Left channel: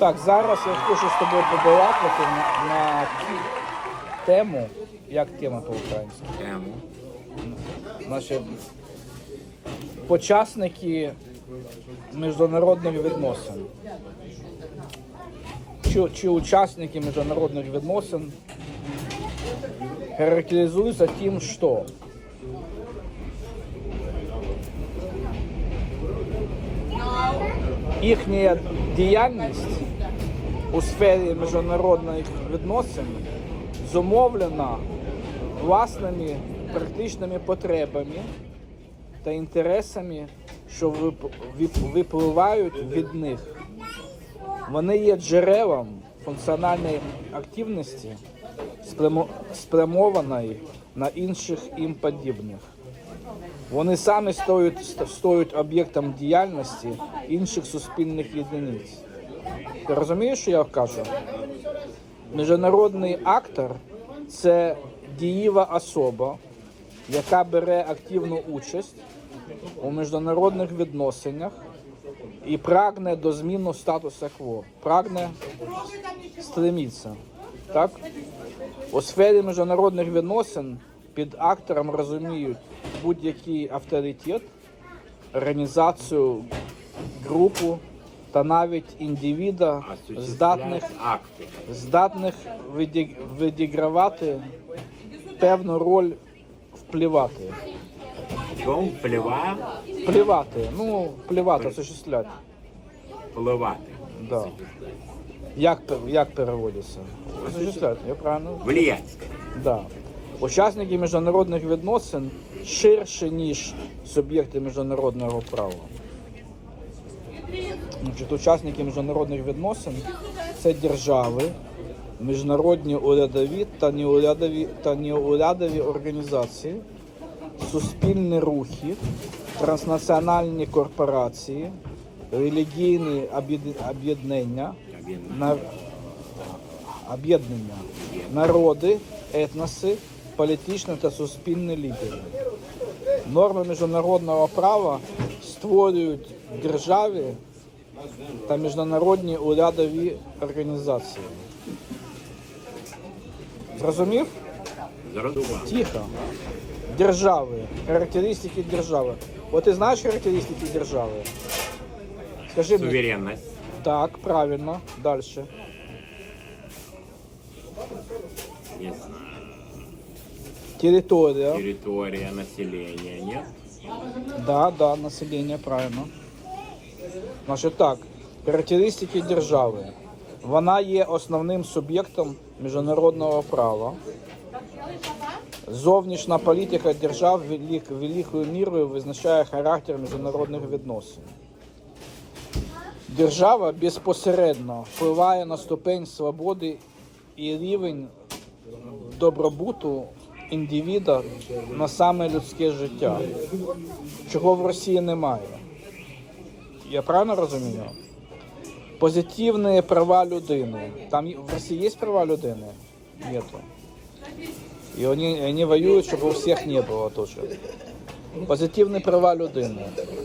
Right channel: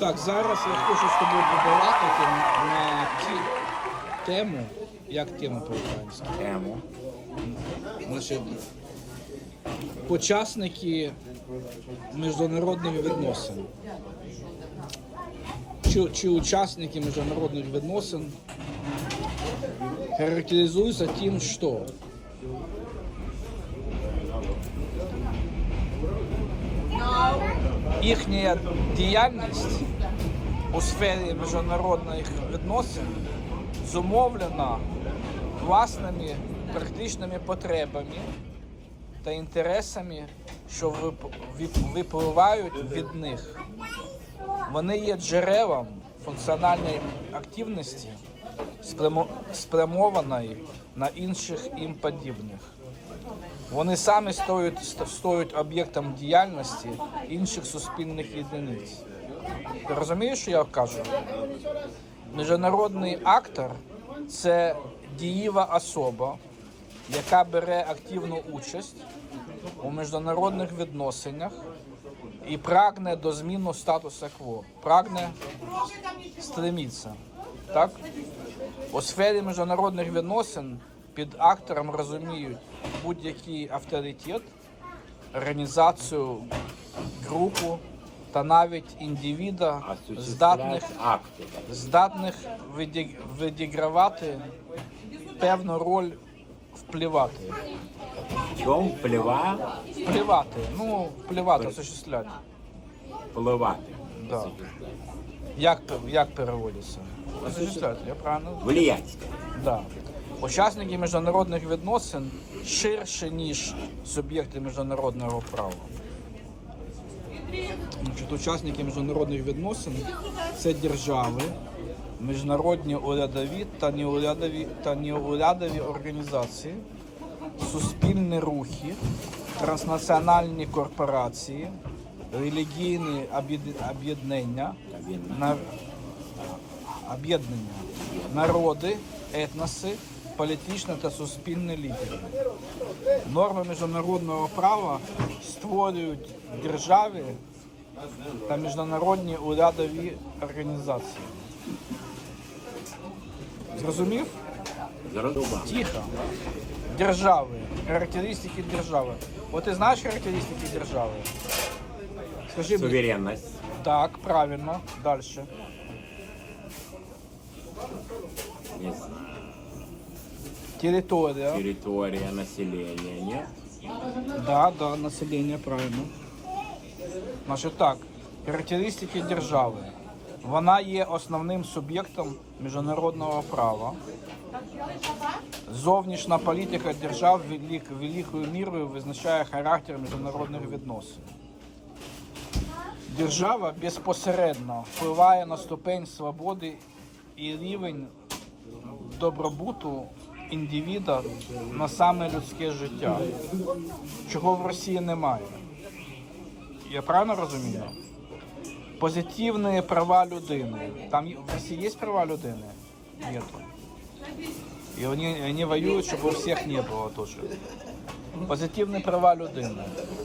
Так, зараз я хочу з тобою побалакати на, ті- тему. Як тема по-українськи? Тему. Наші почасники міжнародних відносин. Чи, чи учасники міжнародних відносин характеризуються тим, що їхня діяльність у сфері міжнародних відносин зумовлена власними практичними потребами та інтересами, що вип- вип- випливають від них. Вони є джерелом функціональної активності, спрямованої на інших їм подібних. Вони самі стоять, стоять об'єктом діяльності інших суспільних єдиниць. Ти розумієш, що я кажу? Міжнародний актор це дієва особа, яка бере активну участь у міжнародних відносинах і прагне до зміни статусу кво. Прагне стремиться. Так? У сфері міжнародних відносин під актором розуміють будь-який авторитет, організацію, групу та навіть індивіда, здатних здатних віді- відігравати певну роль впливати. Чому впливає Впливати, ну, впливати, осуществляти. впливати? Да. Як, як переводиться? Осуществляти, я правильно? Влиять. Да. Учасники міжнародних відносин ширше, ніж суб'єкти міжнародного права. Значить, учасники міжнародних відносин це держави, міжнародні урядові та неурядові та неурядові організації, суспільні рухи, транснаціональні корпорації, релігійні об'єднання, на- об'єднання, народи, етноси, політичні та суспільні лідери. Норми міжнародного права створюють державі та міжнародні урядові організації. Зрозуміло. Тихо. Держави. Характеристики держави. От ти знаєш характеристики держави? Скажи мені. Суверенность. Так, правильно. Дальше. Есть Территория. территория, население. Нет? Да, да, население, правильно. Значить так, характеристики держави. Вона є основним суб'єктом міжнародного права. Зовнішня політика держав велик, великою мірою визначає характер міжнародних відносин. Держава безпосередньо впливає на ступень свободи і рівень добробуту індивіда на саме людське життя, чого в Росії немає. Я правильно розумію? Позитивні права людини. Там в Росії є права людини? Нету. И они, они воюют, чтобы у всех не было тоже. Позитивні права людини.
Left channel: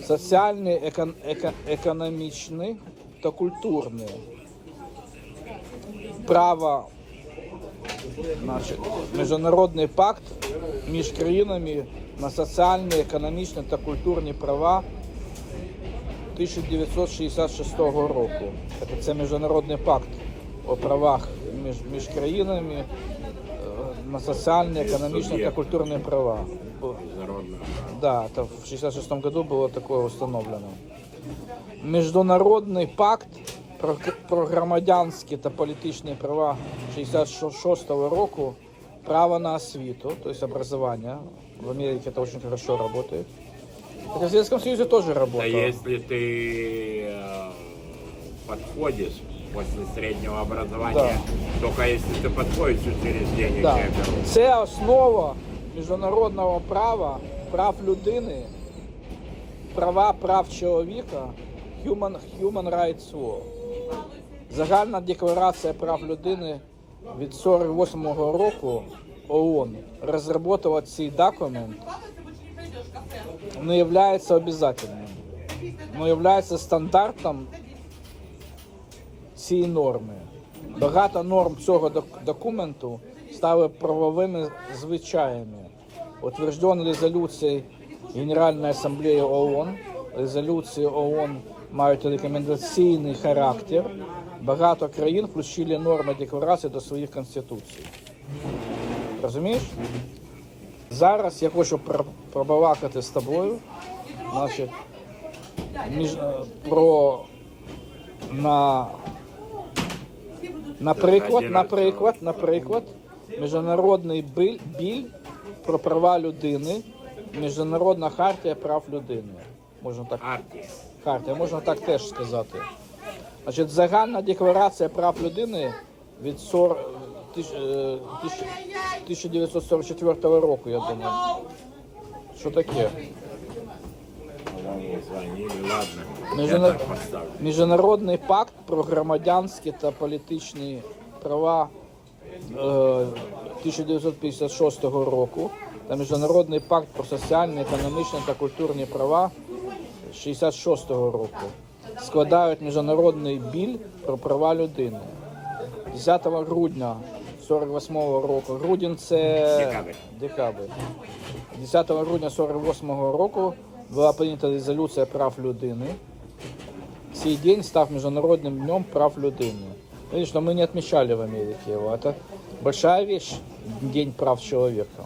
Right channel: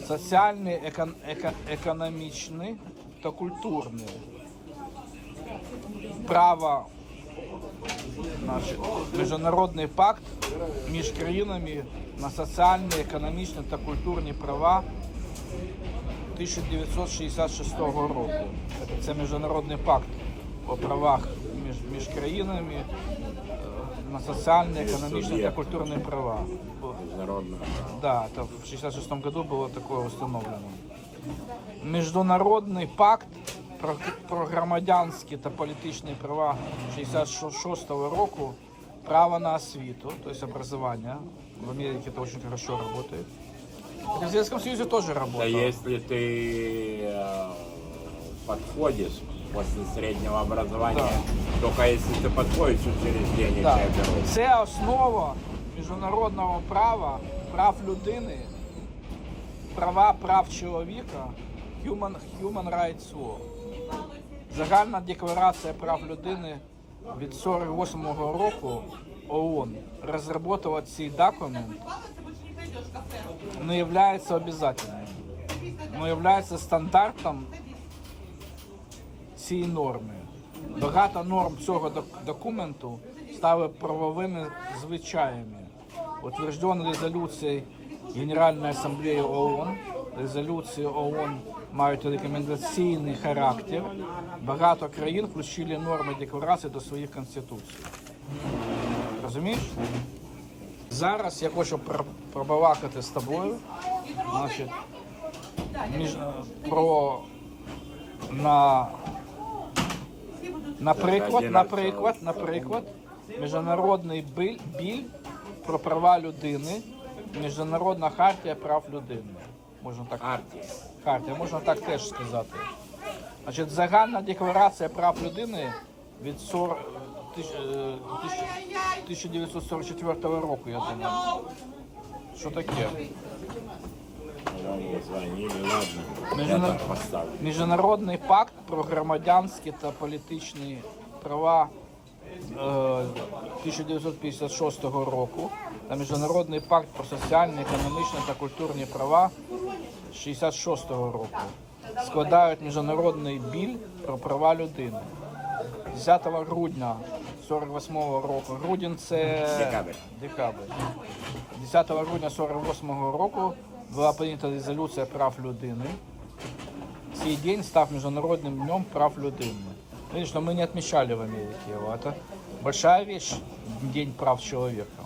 Соціальні, екон, еко, економічні та культурні. Право міжнародний пакт між країнами на соціальні, економічні та культурні права 1966 року. Це міжнародний пакт о правах між, між країнами е, на соціальні, економічні та культурні права. Международный. Да, это в 66 году было такое установлено. Міжнародний пакт про, про громадянські та політичні права 66 року, право на освіту, то есть образование. В Америке это очень хорошо работает. Так, в Советском Союзе тоже Да работало. если ты э, подходишь после среднего образования, только если ты подходишь учреждение Да. человека, Це основа міжнародного права, прав людини, права прав чоловіка, Human, Human Rights Law. Загальна декларація прав людини від 48-го року ООН розробила цей документ не є обов'язковим, но є стандартом ці норми. Багато норм цього документу стали правовими звичаями. Утверждені резолюції Генеральної асамблеї ООН. Резолюції ООН мають рекомендаційний характер. Багато країн включили норми декларації до своїх конституцій. Розумієш? Зараз я хочу пр- пробалакати з тобою значить, між, про на, наприклад, наприклад, наприклад, міжнародний біль, біль про права людини, міжнародна хартія прав людини. Можна так хартія, можна так теж сказати. Значить, загальна декларація прав людини від 40, тисяч- е, тисяч- 1944 року, я думаю. Що таке? Міжнародний пакт про громадянські та політичні права е, 1956 року та Міжнародний пакт про соціальні, економічні та культурні права 66 року складають міжнародний біль про права людини. 10 грудня 48 року. Грудень це Декабрь. декабрь. 10 грудня 48 року була прийнята резолюція прав людини. Цей день став Международным днем прав людини. Конечно, мы не отмечали в Америке его. Это большая вещь, День прав человека.